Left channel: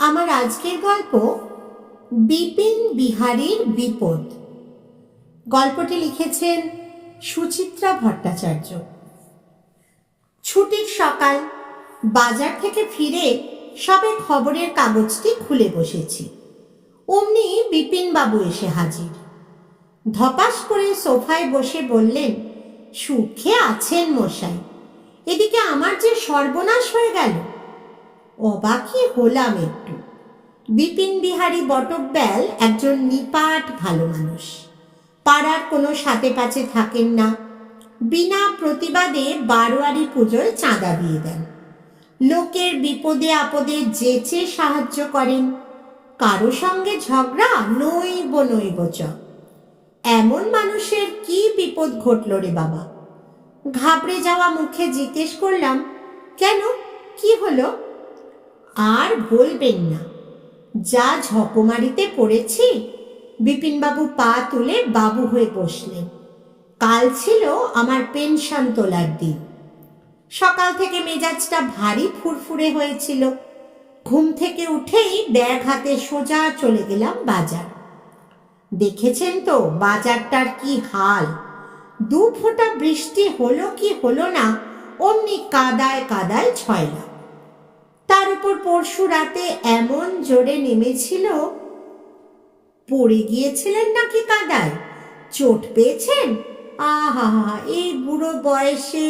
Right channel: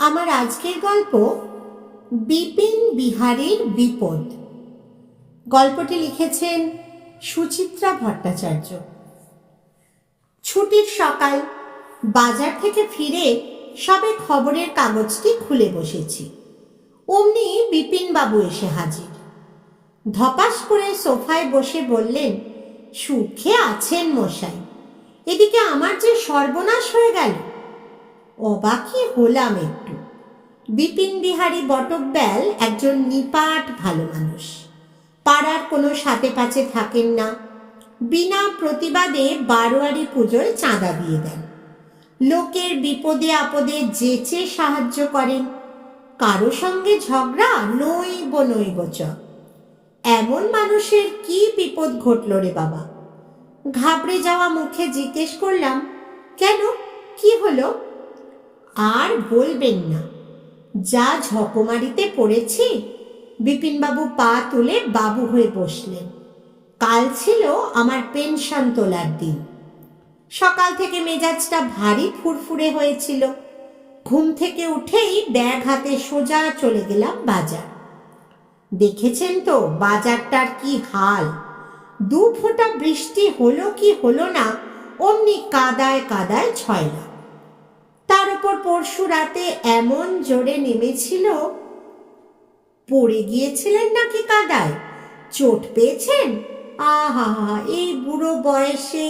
আমার আজকের গল্প বিপিন বিহারীর বিপদ। গল্পটি লিখেছেন সুচিত্রা ভট্টাচার্য। ছুটির সকাল, বাজার থেকে ফিরে সবে খবরের কাগজটি খুলে বসেছি, অমনি বিপিনবাবু এসে হাজির। ধপাস করে সোফায় বসে বললেন, সুখে আছেন মশাই? এদিকে আমার যে সর্বনাশ হয়ে গেল। অবাকই হলাম একটু। বিপিন বিহারী বটব্যাল একজন নিপাট ভালো মানুষ। পাড়ার কোনো সাথে পাচে থাকেন না। বিনা প্রতিবাদে বারোয়ারি পুজোয় চাঁদা দিয়ে দেন। লোকের বিপদে আপদে যেচে সাহায্য করেন। কারো সঙ্গে ঝগড়া নইব নইব চ। এমন মানুষের কি বিপদ ঘটল রে বাবা? ঘাবড়ে যাওয়া মুখে জিজ্ঞেস করলাম, কেন, কি হলো? আর বলবেন না, যা ঝকমারিতে পড়েছি। বিপিনবাবু পা তুলে বাবু হয়ে বসলেন। কাল ছিল আমার পেনশন তোলার দিন। সকাল থেকে মেজাজটা ভারী ফুরফুরে হয়েছিল। ঘুম থেকে উঠেই ব্যাগ হাতে সোজা চলে গেলাম বাজার। দেখেছেন তো বাজারটার কি হাল। দু ফোঁটা বৃষ্টি হলো কি হলো না, অমনি কাদায় কাদায় ছয়লা। তার উপর পরশু রাতে এমন জোরে নেমেছিল। পড়ে গিয়েছিলেন নাকি কাদায়? চোট পেয়েছেন? আহা, এই বুড়ো বয়সে!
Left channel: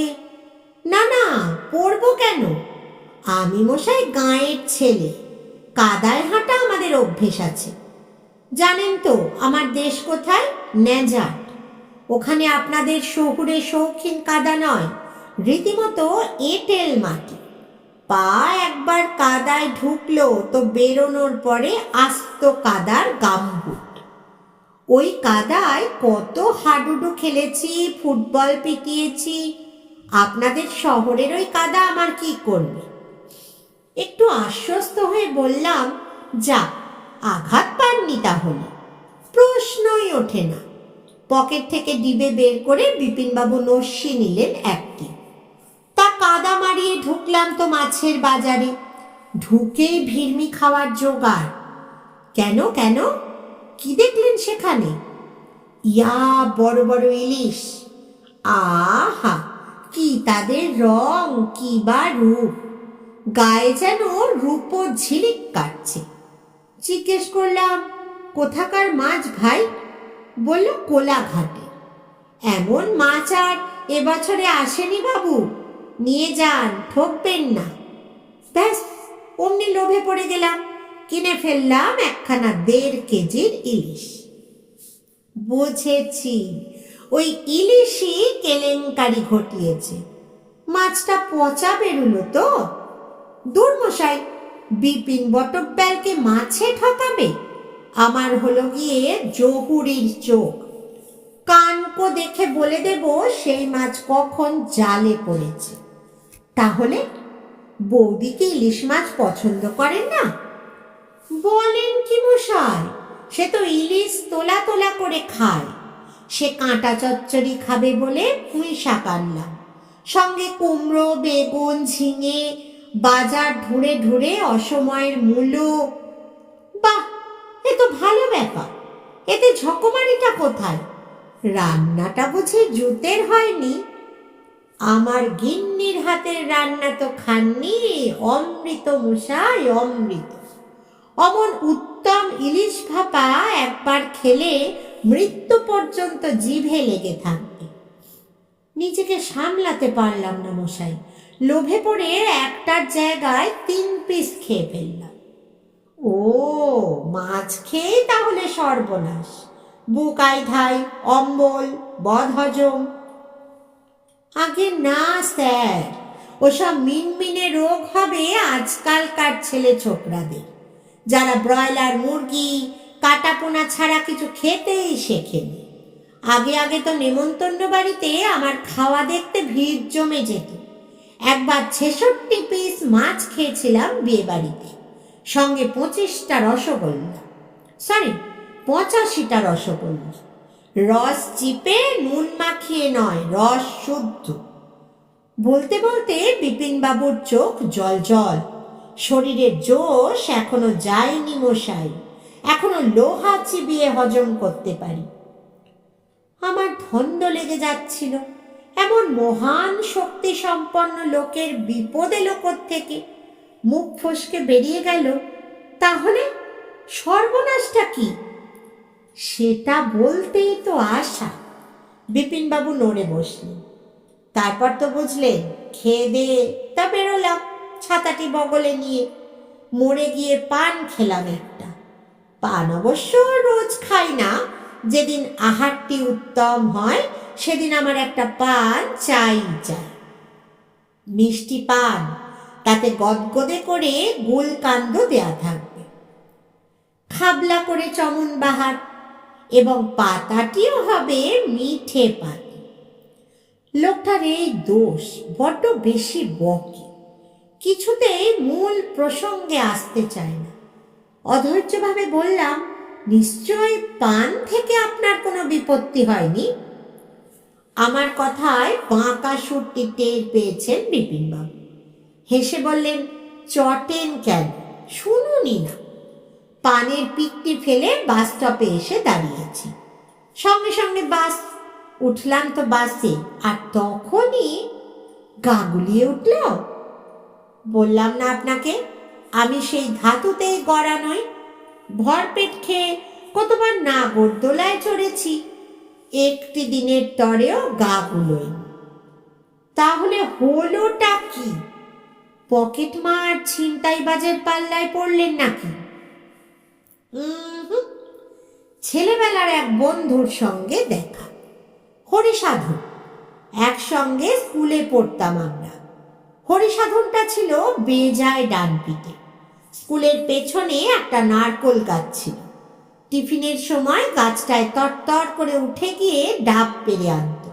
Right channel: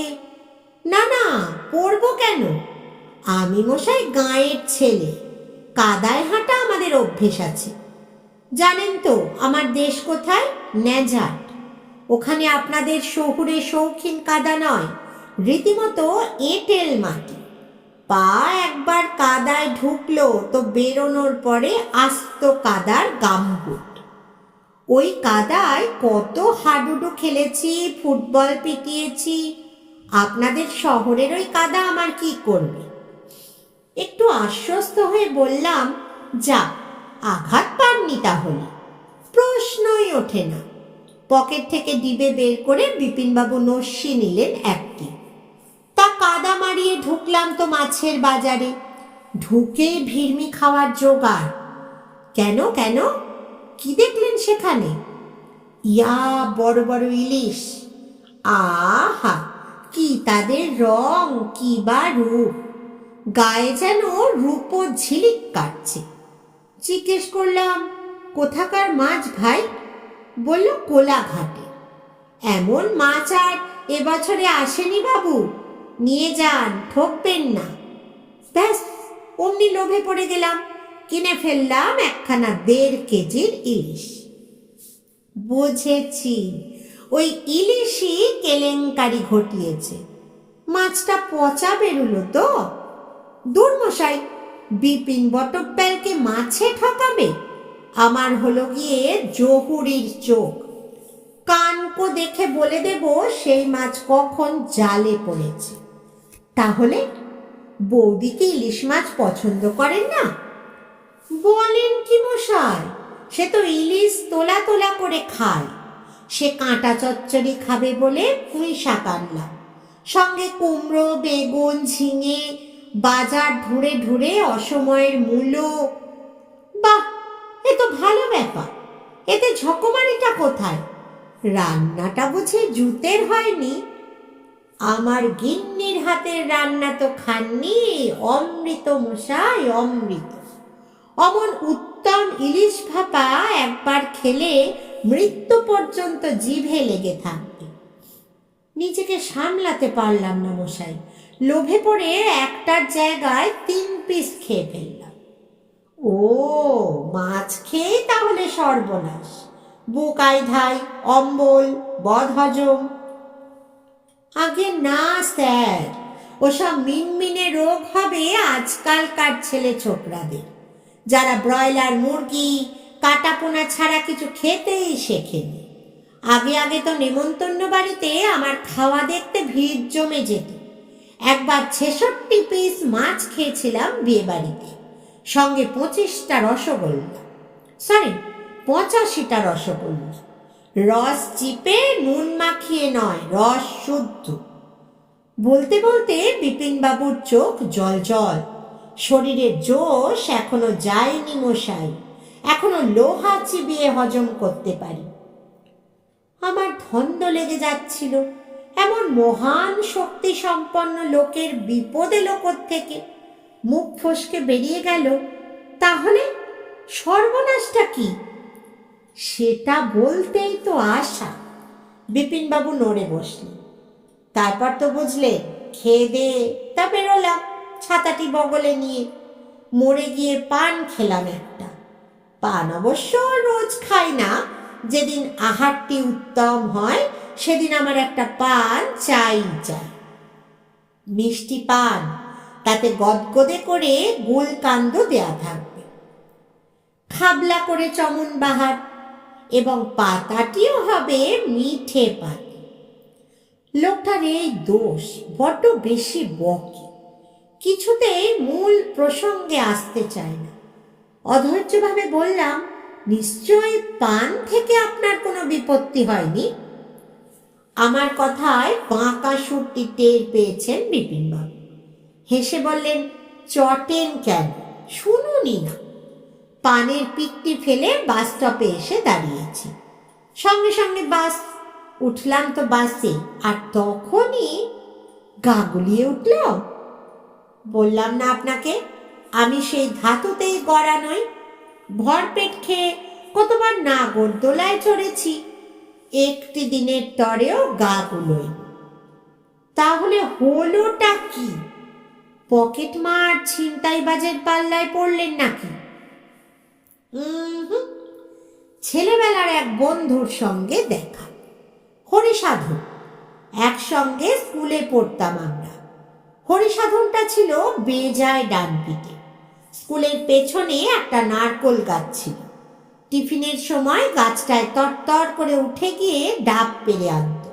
না না, পড়বো কেন? আমি মশাই গাঁয়ের ছেলে, কাদায় হাঁটা আমাদের অভ্যেস আছে। জানেন তো আমার দেশ কোথায়? নেজাট। ওখানে আপনাদের শহুরে শৌখিন কাদা নয়, রীতিমতো এঁটেল মাটি। পা একবার কাদায় ঢুকলো তো বেরোনোর পরে আস্ত কাদার গাম্বুট। ওই কাদায় কত হাডুডু খেলেছি, ফুটবল পিটিয়েছি। আপনাদের শহরের ওই কাদা আমার কি করবে? একটু আশ্বস্ত হয়ে বললাম, যা, আঘাত পাননি তাহলে? প্রশ্নই ওঠে না। পকেট থেকে ডিবে বের করে বিপিনবাবু নস্যি নিলেন একটি। তা কাদা মারিয়ে ঢুকলাম তো মাছের বাজারে। ঢুকেই ভিড়মি খাওয়ার জোগাড়। কেন কেন, কি দেখলেন সেখানে? ইয়া, বড় বড় ইলিশ। আহা, কি তাদের রং, কি বা রূপ! গায়ে যেন রূপ ঝিলিক কাটছে। জিজ্ঞেস করলাম, কোথাকার মাছ ভাই? বলল, কোলাঘাটে। এমন মাছ আর এবছরে আসেনি বাবু, নিয়ে যান, ঠকবেন না। ব্যাস, অমনি লোভে পড়ে গেলাম। কিনে ফেললাম একখানা 1.5 কেজির ইলিশ। বুঝেছি, ওই ইলিশই কেলেঙ্কারি ঘটিয়েছে। মাছটা পচা বেরুলো তো। দূর মশাই, বিপিন বটব্যালকে মাছে ঠকাবে? আমার হলো গিয়ে জহুরির চোখ। কানকো দেখে বলে দেব সেই মাছ কখন জালে পড়েছে। তাহলে বৌদি কি ইলিশ মাছ পছন্দ করেন না? বলেন কি মশাই, সে তো ইলিশ তোলা তোলা করে খায়। সে কাঁটা চচ্চড়ি খাবে বলে পুঁই শাক আনলাম, সঙ্গে কুমড়ো, বেগুন, ঝিঙে, বাজার ঢুঁড়ে ঢুঁড়ে অসময়ের মূলো। বাহ, এ তো ভালো ব্যাপার। এতে ঝকমারিটা কোথায়? রান্নাটা বুঝি জুতের হয়নি? আমার গিন্নির হাতের রান্না তো খাননি? অমৃত মশাই, অমৃত। অমন উত্তম ইলিশ ভাপা একবার খেলে মৃত্যু পর্যন্ত জিভে লেগে থাকবে। নিজেকে সামলাতে পারলাম না মশাই, লোভে পড়ে একটার জায়গায় 3 পিস খেয়ে ফেললাম। ও, মাছ খেয়ে তাহলে সর্বনাশ! বুকাই ধাই, অম্বল, বদহজম? আগে না স্যার, ওসব মিনমিনে রোগ হবে আজকালকার ছেলে ছোকরাদের, যারা ব্রয়লার মুরগি, কাটাপোনা ছাড়া কিছু খেতেই শেখেনি। আগে আগে তো নেমন্তন্ন বাড়িতে আমার খাওয়া দেখতে ভিড় জমে যেত। একবার 66 পিস মাছ খেয়েছিলাম বিয়ে বাড়িতে, সঙ্গে 25টা রসগোল্লা, সরি 85টা রসগোল্লা। রস চিপে নুন মাখিয়ে নয়, রস শুদ্ধ। বলতে বলতে বিপিনবাবুর চোখ জল জল। শরীরের জোশ এখনো যায়নি মশাই, এখনো লোহা চিবিয়ে হজম করতে পারি। আমার ধন্দ লেগে যাচ্ছিল, এমন মহান শক্তি সম্পন্ন লোকের বিপদ এলো থেকে। মুখ ফসকে বেরিয়ে গেল, তাহলে সর্বনাশটা কি? সেটা বলতেই তো আশা। বিপিনবাবু নড়ে বসলেন। তারপর তো বুঝলে, খেয়ে দে তা বেরোলাম ছাতাটি বগলে নিয়ে। মরে গিয়ে পান খেলাম একটা। পান অবশ্য রোজ খাই না, যেদিন আহারটি উত্তম হয় সেদিন আমার একটা পান চাই চাই। মিষ্টি পান, তাতে গদগদে করে গুলকান্দ দেয়া থাকবে, খাবলা করে চমন বাহার, এবং পাতাটিও হবে মিঠে পাতা। লোকটার এই দোষ, বড্ড বেশি বকে, কিছুতেই মূল প্রসঙ্গে আসতে চায় না। অধৈর্যভাবে বললাম, নিশ্চয় পান থেকে আপনার কোনো বিপত্তি হয়নি? আমার কথায় বাঁকা সুরটি টের পেয়েছেন বিপিনবাবু। হেসে বললেন, চটেন কেন, শুনুনি না। পানের পিকটি ফেলে বাস স্টপে এসে দাঁড়িয়েছি। সঙ্গে সঙ্গে বাস। উঠলাম তো বাসে, আর তখনই গা গুলিয়ে উঠল। বললাম না আপনাকে, আমি সেই ধাতুতেই গড়া নই। ভরপেট খেয়ে কতবার নাগরদোলায় চড়েছি, একটি দিনের তরেও গা গুলোই। তাহলে হলোটা কি? পকেট মার ছিনতাইবাজের পাল্লায় পড়লেন নাকি? ছেলেবেলার এক বন্ধুর সঙ্গে দেখা, হরিসাধন। একসঙ্গে স্কুলে পড়তাম আমরা। হরিসাধনটা ছিল বেজায় ডান পিঠে। স্কুলের পেছনে একটা নারকোল গাছ ছিল। টিফিনের সময় গাছটায় তরতর করে উঠে গিয়ে ডাব পেরে আনত।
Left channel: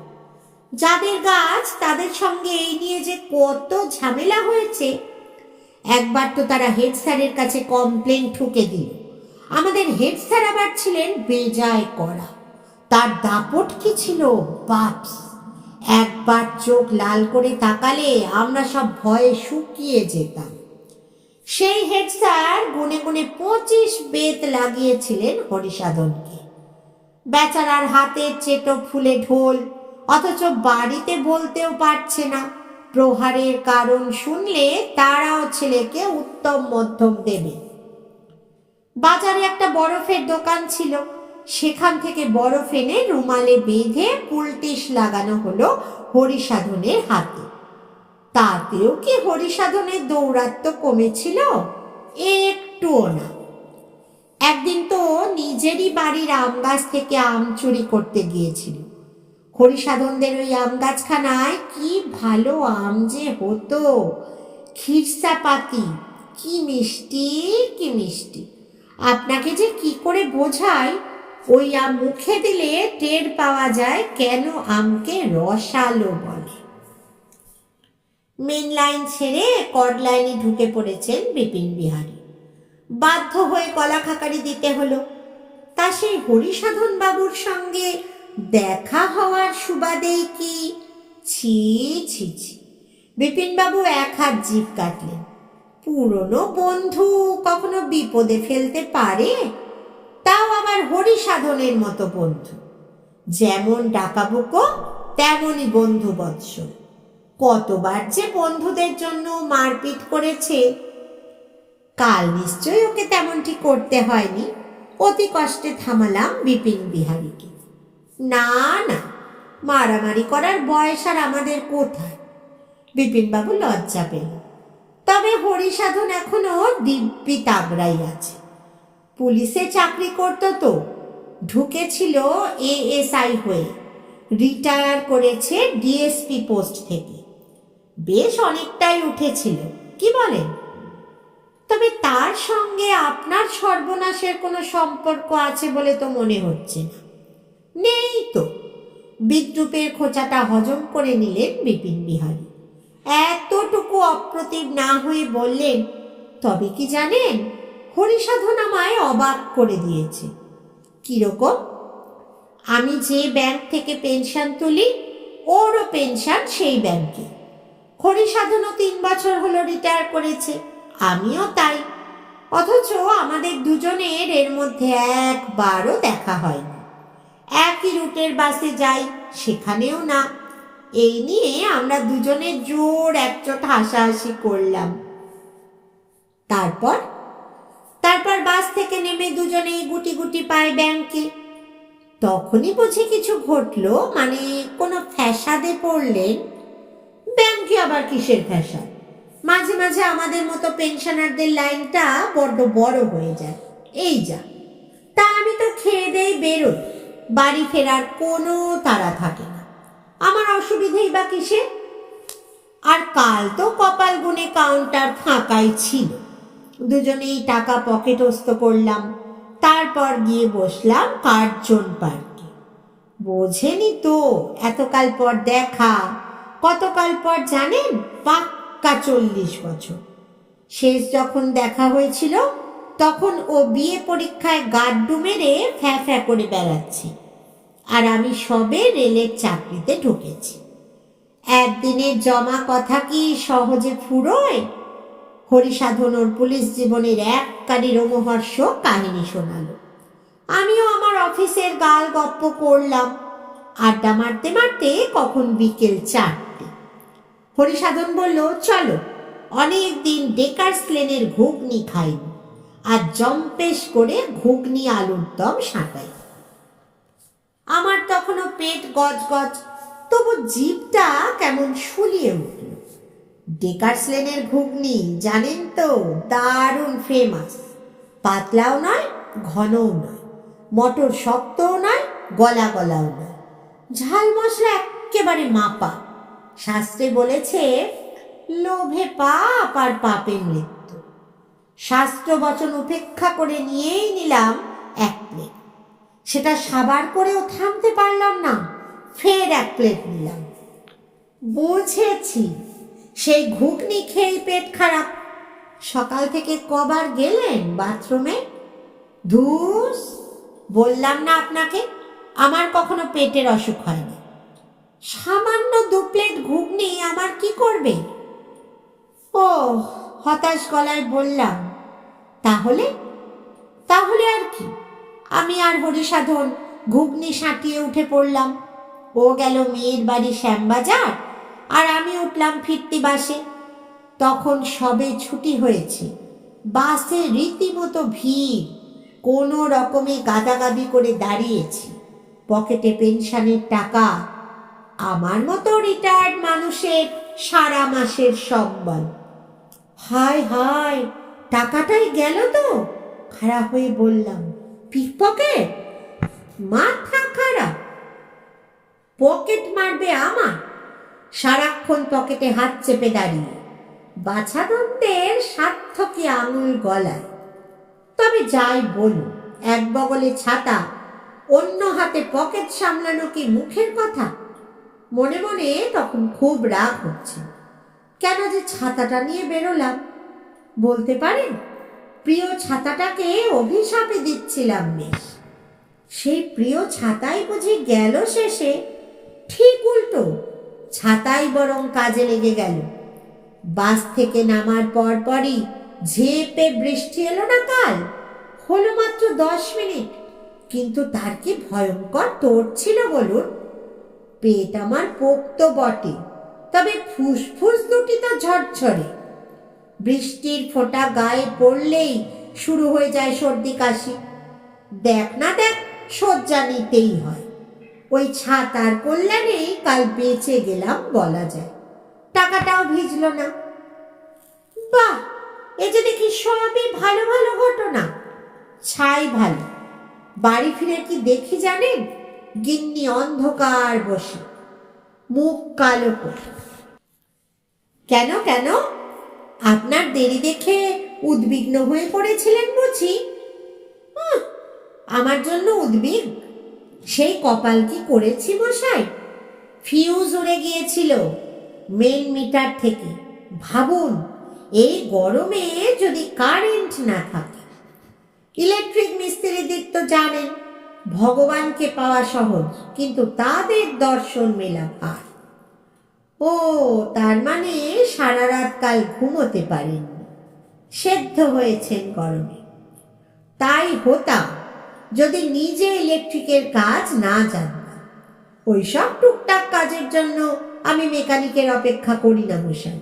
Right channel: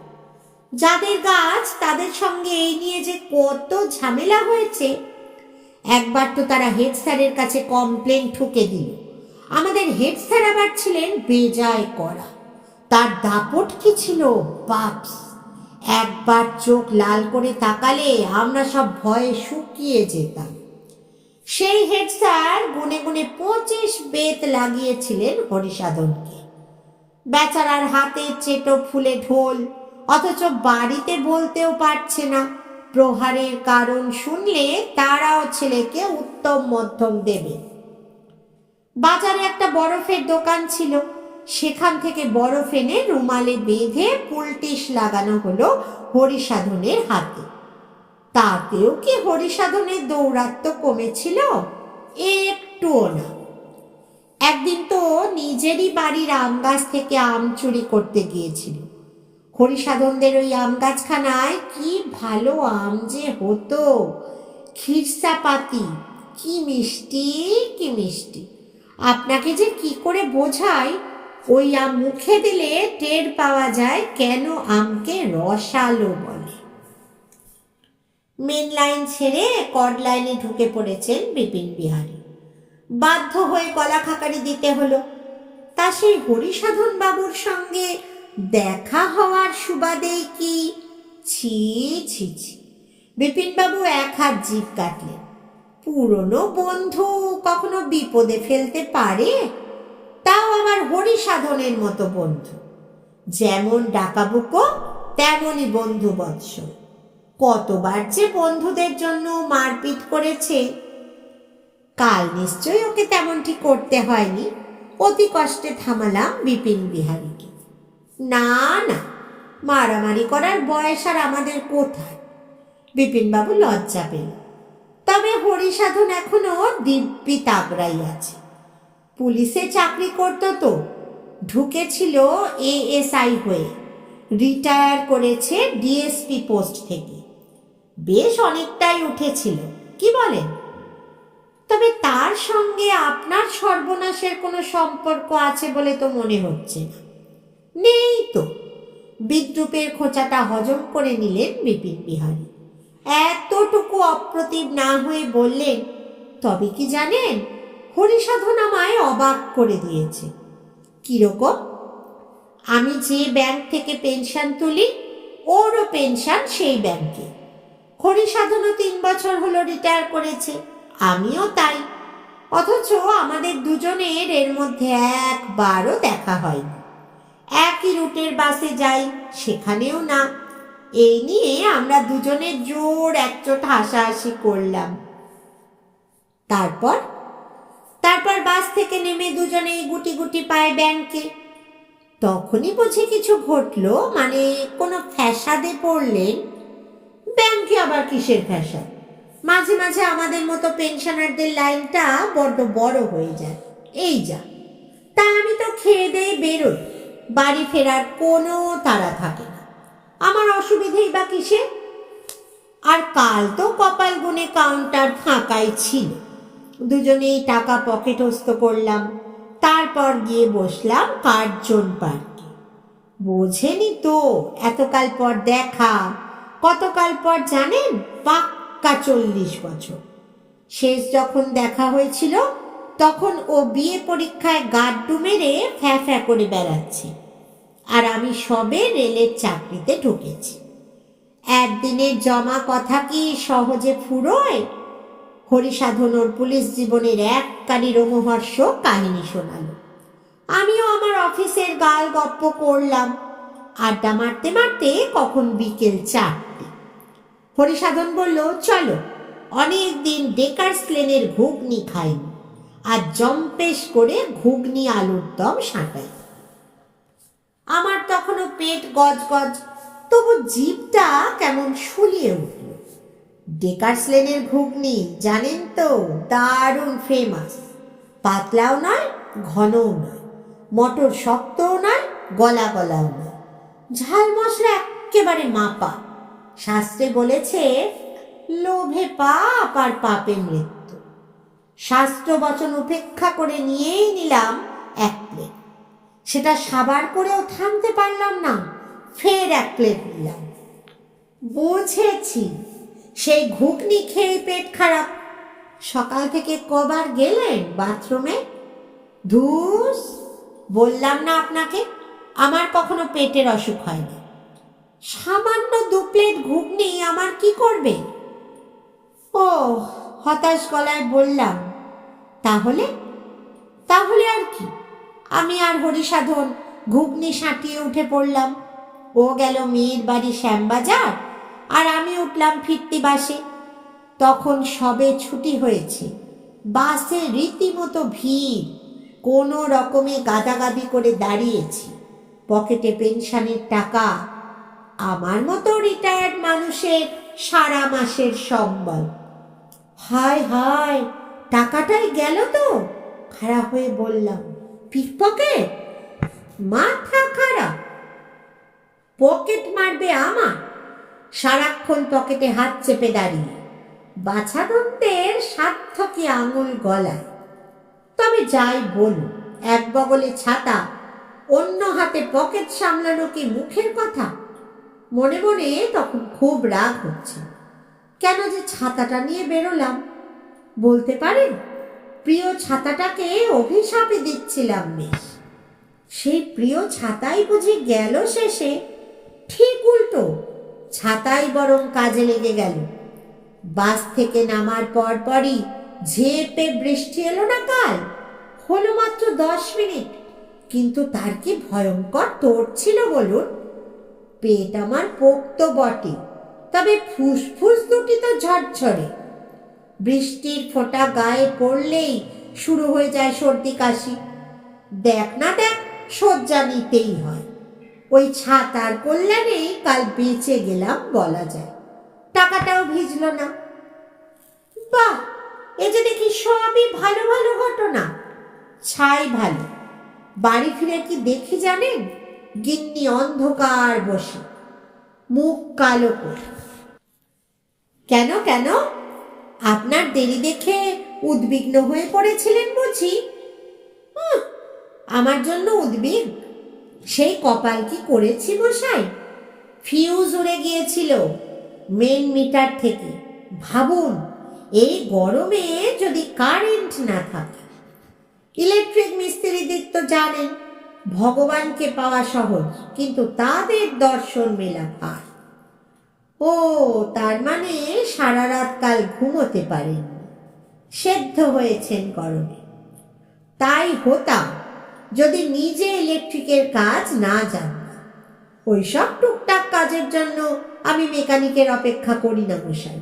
যাদের গাছ তাদের সঙ্গে এই নিয়ে যে কত ঝামেলা হয়েছে। একবার তো তারা হেড স্যারের কাছে কমপ্লেন ঠুকে দিল। আমাদের হেড স্যার আবার ছিলেন বেজায় কড়া। তার দাপট কি ছিল বাপস! একবার চোখ লাল করে তাকালে আমরা সব ভয়ে শুকিয়ে যেতাম। সেই হেড স্যার গুনে গুনে 25 বেত লাগিয়েছিলেন হরিসাধনকে। বেচারার হাতে চেটো ফুলে ঢোল, অথচ বাড়িতে বলতেও পারছে না। প্রহারের কারণ শুনলে তারাও ছেলেকে উত্তম মধ্যম দেবে। বাজারে একটা বরফের দোকান ছিল, সেখান থেকে বরফ এনে রুমালে বেঁধে পুলটিস লাগানো হলো হরিসাধনের হাতে। তাতেও কি হরিসাধনের দৌরাত্ম্য কমেছিল? একটুও না। একদিন তো নিজেরই বাড়ির আম গাছ থেকে আম চুরি করতে গিয়েছিল। হরিসাধনদের ওই আম গাছখানায় কি ভালো আম যে হতো, খিরসাপাতি, কি মিষ্টি কি মিষ্টি! আপনাকে যে কি করে বোঝাই, ওই আম মুখে দিলে টের পাওয়া যায় কেন আমকে রসালো বলে। মেন লাইন ছেড়ে কর্ড লাইনে ঢুকে পড়েছেন বিপিন বিহারী। বাধ্য হয়ে গলা খাকারি দিতে হলো। তা সেই হরিসাধন বাবুর সঙ্গে দেখা হওয়ার সুবাদেই কি! ছি ছি ছি! বিপিনবাবু এক হাত জিভ কাটলেন। পুরনো বন্ধু কখনো বিপদে ফেলতে পারে? তাও আবার হরিসাধনের মতো বন্ধু। যেমন ডাকাবুকো তেমনই বন্ধু বৎসল। কতবার যে বন্ধুদের জন্য মারপিট করেছে। কাল নিশ্চয়ই ওকে তেমনটি করতে হয়নি। অতি কষ্টে থামালাম বিপিন বিহারীকে। না না, মারামারি করার বয়স আর আমাদের কোথায়? বিপিনবাবু লজ্জা পেল। তবে হরিসাধন এখনো দিব্যি তাগড়াই আছে। পুলিশে চাকরি করত তো, ঢুকেছিল এএসআই হয়ে, রিটায়ার করেছে ডিএসপি পোস্ট থেকে। বেশ অনেকটাই উঠেছিল, কি বলেন? তবে তার সঙ্গে আপনার সর্বনাশের কোনো সম্পর্ক আছে বলে তো মনে হচ্ছে না। নেই তো। বিদ্রুপের খোঁচাটা হজম করে নিলেন বিপিন বিহারী। এতটুকু অপ্রতিভ না হয়ে বললেন, তবে কি জানেন, হরিসাধন আমায় অবাক করে দিয়েছে। কিরকম? আমি যে ব্যাংক থেকে পেনশন তুলি, ওরও পেনশন সেই ব্যাংকে। হরিসাধনও 3 বছর হলো রিটায়ার করেছে, আমিও তাই। অথচ আমাদের দুজনের এর মধ্যে একবারও দেখা হয়নি। একই রুটের বাসে যাই, সেখানেও না। এই নিয়ে আমরা দুজনে জোর একচোট হাসাহাসি করলাম। তারপর তারপর বাস থেকে নেমে দুজনেই গুটি গুটি পায় ব্যাংকে। তখনই বুঝি কিছু ঘটলো, মানে কোনো ফ্যাসাদে পড়লেন। ব্যাংকে আবার কিসের ফ্যাসাদ? মাঝে মাঝে আমাদের মতো পেনশনারদের লাইনটা বড্ড বড় হয়ে যায়, এই যা। তা আমি তো খেয়ে দেয়ে বেরোই, বাড়ি ফেরার কোনো তাড়া থাকে না। আমার অসুবিধেই বা কিসে? আর কাল তো কপাল গুনে কাউন্টার ফাঁকাই ছিল। দুজনেই টাকা পকেটস্থ করলাম, তারপর গিয়ে বসলাম কার্জন পার্কে। বোঝেনি তো, এতকাল পর দেখা। কতকাল পর জানেন? পাক্কা 40 বছর। শেষ যখন দেখা হয়েছিল তখন ও বিয়ে পরীক্ষায় গাড্ডু মেরে ফ্যাঁ ফ্যাঁ করে বেড়াচ্ছে, আর আমি সবে রেলের চাকরিতে ঢুকেছি। একদিনের জমা কথা কি সহজে ফুরোয়? হরিসাধন ওর পুলিশ জীবনের এককারী রোমহর্ষক কাহিনী শোনালো। আমিও আমার অফিসের গাল গপ্প করলাম। আড্ডা মারতে মারতে কখন বিকেল 4টে। হরিসাধন বলল, চলো, অনেক দিন ডেকার্স লেনের ঘুগনি খাইনি, আর জম্পেশ করে ঘুগনি আলুর দম সাঁটাই। আমার তখনও পেট গজ গজ, তবু জিভটা কেমন শুলিয়ে উঠল। ডেকার্স লেনের ঘুগনি জানেন তো, দারুণ ফেমাস। পাতলাও নয়, ঘনও নয়, মটর শক্তও নয়, গলা গলাও নয়, ঝাল মশলা একেবারে মাপা। শাস্ত্রে বলেছে, লোভে পাপ আর পাপে মৃত্যু। শাস্ত্র বচন উপেক্ষা করে নিয়েই নিলাম 1 প্লেট। সেটা সাবার করেও থামতে পারলাম না, ফের 1 প্লেট নিলাম। বুঝেছি, সেই ঘুগনি খেয়েই পেট খারাপ। সকাল থেকে কবার গেলেন বাথরুমে? ধুস, বললাম না আপনাকে, আমার কখনো পেটের অসুখ হয়নি। সামান্য 2 প্লেট ঘুগনি আমার কি করবে? ও, হতাশ গলায় বললাম, তাহলে? তাহলে আর কি? আমি আর হরিসাধন ঘুগনি সাঁটিয়ে উঠে পড়লাম। ও গেল মেয়ের বাড়ি শ্যামবাজার, আর আমি উঠলাম ফিরতি বাসে। তখন সবে ছুটি হয়েছে, বাসে রীতিমতো ভিড়। কোনো রকমে গাদাগাদি করে দাঁড়িয়েছি, পকেটে পেনশনের টাকা। আমার মতো রিটায়ার্ড মানুষের সারা মাসের সম্বল। হায় হায়, টাকাটাই গেল তো। খারাপ হয়ে বললাম, পিকপকেট? মাথা খারাপ? পকেট মারবে আমার? সারাক্ষণ পকেটে হাত চেপে দাঁড়িয়ে, বাছাদন্তের সার্থকী আঙুল গলায়। তবে যাই বলুন, এক বগলে ছাতা, অন্য হাতে পকেট সামলানো কি মুখের কথা? মনে মনে তখন খুব রাগ হচ্ছে। কেন যে ছাতাটা নিয়ে বেরোলাম? বলতে পারেন, প্রিয় ছাতাটাকে অভিশাপে দিচ্ছিলাম বেশ। সেই প্রিয় ছাতাই বুঝি গেল শেষে। ঠিক উল্টো, ছাতাই বরং কাজে লেগে গেল। বাস থেকে নামার পরপরই ঝেঁপে বৃষ্টি এলো না কাল? হলো মাত্র 10 মিনিট, কিন্তু তার কি ভয়ঙ্কর তোড় ছিল বলুন। পেট আমার পোক্ত বটে, তবে ফুসফুস দুটি তো ঝরঝরে। বৃষ্টির ফোঁটা গায়ে পড়লেই শুরু হয়ে যায় সর্দি কাশি। দেখ না দেখ, শয্যা নিতেই হয়। ওই ছাতার কল্যাণেই কাল বেঁচে গেলাম বলা যায়। টাকাটাও ভিজল না। বাহ, এ যে দেখি সবই ভালো ভালো ঘটনা। ছাই ভালো। বাড়ি ফিরে কি দেখি জানেন? গিন্নি অন্ধকার বসে, মুখ কালো করে। কেন কেন? আপনার দেরি দেখে উদ্বিগ্ন হয়ে পড়েছিলেন বুঝি? আমার জন্য উদ্বিগ্ন? সেই কপাল কি করেছি মশাই! ফিউজ উড়ে গিয়েছিল মেন মিটার থেকে। ভাবুন, এই গরমে যদি কারেন্ট না থাকে। ইলেকট্রিক মিস্ত্রিদের তো জানেন, ভগবানকে পাওয়া সহজ, কিন্তু তাদের দর্শন মেলা ভার। ও, তার মানে সারা রাত কাল ঘুমোতে পারেননি। সেদ্ধ হয়েছেন গরমে। তাই হতাম যদি নিজে ইলেকট্রিকের কাজ না জানতাম। ওইসব টুকটাক কাজের জন্য আমি মেকানিকের অপেক্ষা করি না মশাই।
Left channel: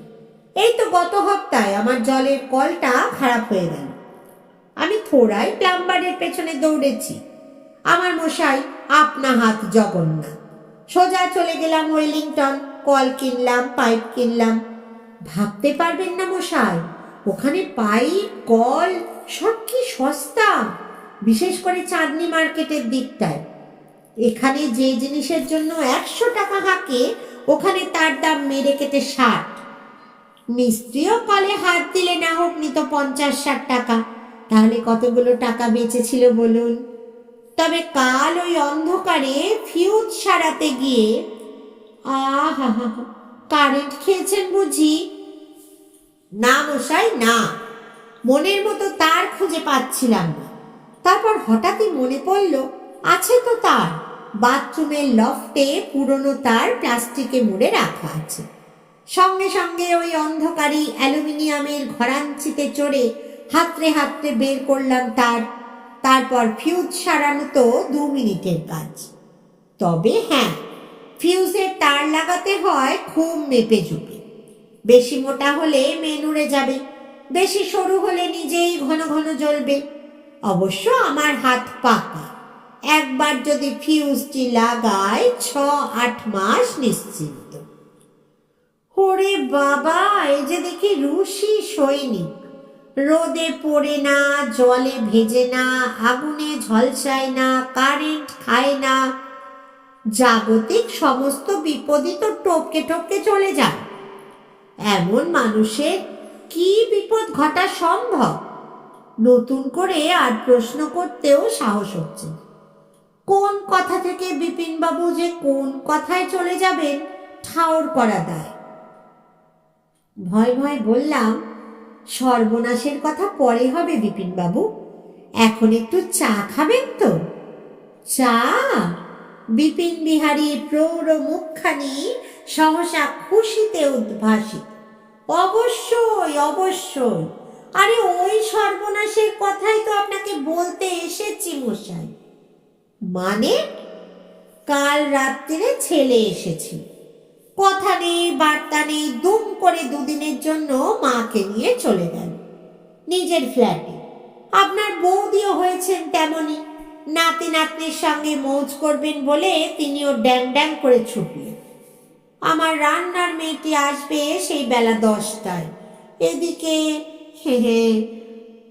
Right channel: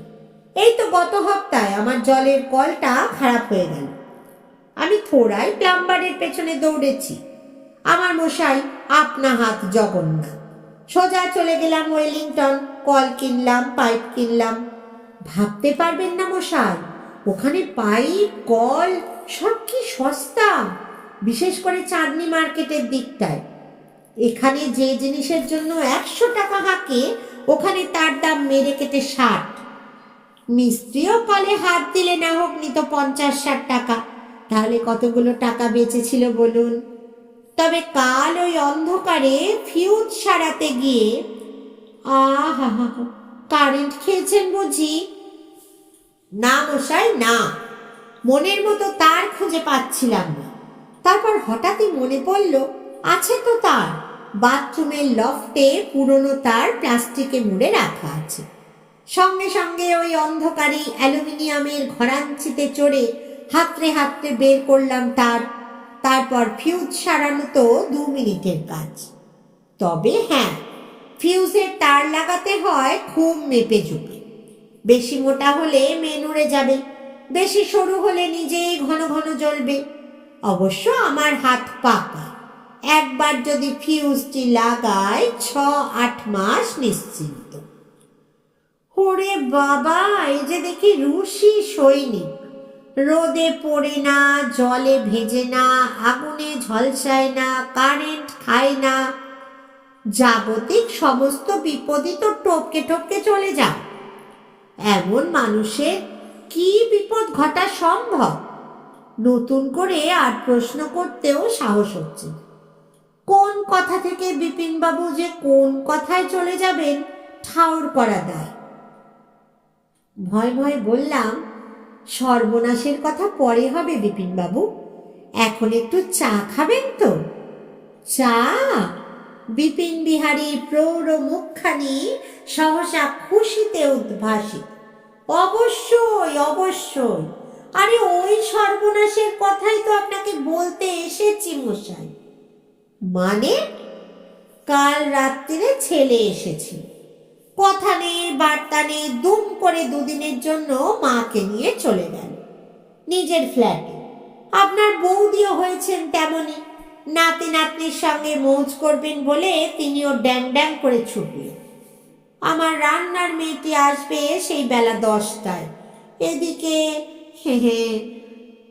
এই তো গত সপ্তাহে আমার জলের কলটা খারাপ হয়ে গেল। আমি থোড়াই প্লাম্বারের পেছনে দৌড়েছি। আমার মশাই আপনা হাত জগন্নাথ। সোজা চলে গেলাম ওয়েলিংটন, কল কিনলাম, পাইপ কিনলাম। ভাবতে পারবেন না মশাই, ওখানে পাইপ কল সব কি সস্তা, বিশেষ করে চাঁদনি মার্কেটের দিকটায়। এখানে যে জিনিসের জন্য 100 টাকা হাঁকে, ওখানে তার দাম মেরে কেটে 60। মিস্ত্রিও কলে হাত দিলে না হোক নিত 50-60 টাকা। তাহলে কতগুলো টাকা বেঁচেছিল বলুন। তবে কাল ওই অন্ধকারে ফিউজ সারাতে গিয়ে আহা হা হা, কারেন্ট খেয়েছেন বুঝি? না মশাই না, মনের মতো তার খুঁজে পাচ্ছিলাম না। তারপর হঠাৎই মনে পড়ল, আছে তো তার, বাথরুমের লফটে পুরনো তার প্লাস্টিকে মুড়ে রাখা আছে। সঙ্গে সঙ্গে ওই অন্ধকারী অ্যালুমিনিয়ামের ঘরাঞ্চিতে চড়ে হাতড়ে হাতড়ে বের করলাম তার। তারপর ফিউজ সারানো তো 2 মিনিটের কাজ। তবে হ্যাঁ, ফিউজের তার লাগাতে হয় খুব মেপে ঝুঁকে। বেশি মোটা হলে মেন উড়ে যাবে, বেশি সরু হলে নিজেই ঘন ঘন জ্বলবে। অবশ্য আমার হাত পাকা, একবার যদি ফিউজটি লাগায় 6-8 মাস নিশ্চিন্ত। ওরে বাবা, এই যে দেখি রুশি সৈনিক, রোদে পড়ে না, জলে ভেজে না, আগুনে ঝলসায় না, কারেন্ট খায় না। জাগতিক সমস্ত বিপদই তো টপকে টপকে চলে যায়। এমন মানুষের কি বিপদ ঘটা সম্ভব? নতুন করে আর প্রশ্ন করতেও সাহস হচ্ছে। কোন কথা থেকে বিপিনবাবু যে কোন কথায় চলে যাবেন ঠাউর করা দায়। ভয় ভয় বললাম, সর্বনাশের কথা পরে হবে বিপিনবাবু, এখন একটু চা খাবেন তো? চা? বিপিন বিহারী প্রৌঢ় মুখখানি সহসা খুশিতে উদ্ভাসিত। অবশ্যই অবশ্যই, আরে ওই সর্বনাশের কথাই তো আপনাকে বলতে এসেছি মশাই। মানে? কাল রাত্রিরে ছেলে এসেছি, কথা নেই বার্তা নেই, দুম করে 2 দিনের জন্য মাকে নিয়ে চলে গেল নিজের ফ্ল্যাটে। আপনার বৌদিও হয়েছেন তেমনই, নাতি নাতনির সঙ্গে মৌজ করবেন বলে তিনিও ড্যাং ড্যাং করে ছুটলেন। আমার রান্নার মেয়েটি আসবে সেই বেলা 10টায়। এদিকে হে হে,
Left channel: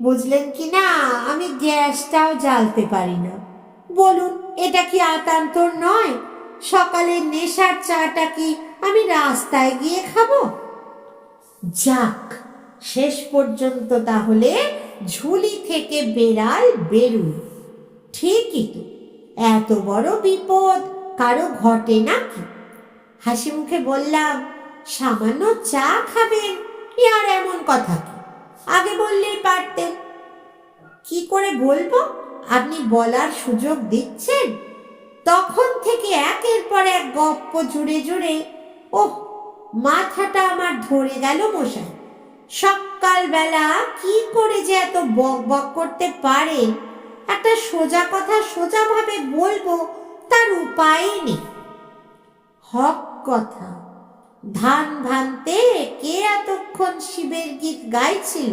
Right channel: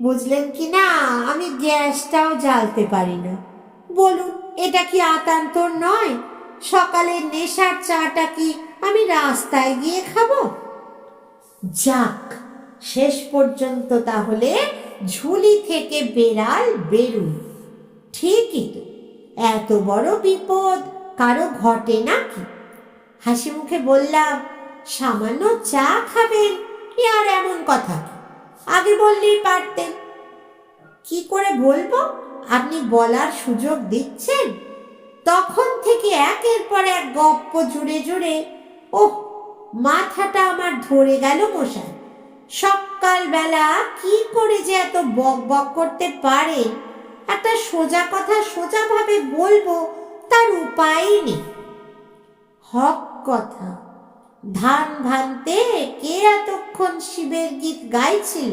বুঝলেন কি না, আমি গ্যাসটাও জ্বালতে পারি না। বলুন, এটা কি আতান্তর নয়? সকালের নেশার চাটা কি আমি রাস্তায় গিয়ে খাবো? যাক, শেষ পর্যন্ত তাহলে ঝুলি থেকে বেড়াল বেরুল। ঠিকই তো, এত বড় বিপদ কারো ঘটে নাকি? হাসি মুখে বললাম, সামান্য চা খাবেন, এ আর এমন কথা কি? আগে বললেই পারতেন। কি করে বলবো? আপনি বলার সুযোগ দিচ্ছেন। তখন থেকে একের পর এক গপ্প জুড়ে জুড়ে ওহ, মাথাটা আমার ধরে গেল মশাই। সকালবেলা কি করে যে এত বক বক করতে পারে, একটা সোজা কথা সোজাভাবে বলবো তার উপায় নেই। হক কথা, ধান ভানতে কে এতক্ষণ শিবের গীত গাইছিল?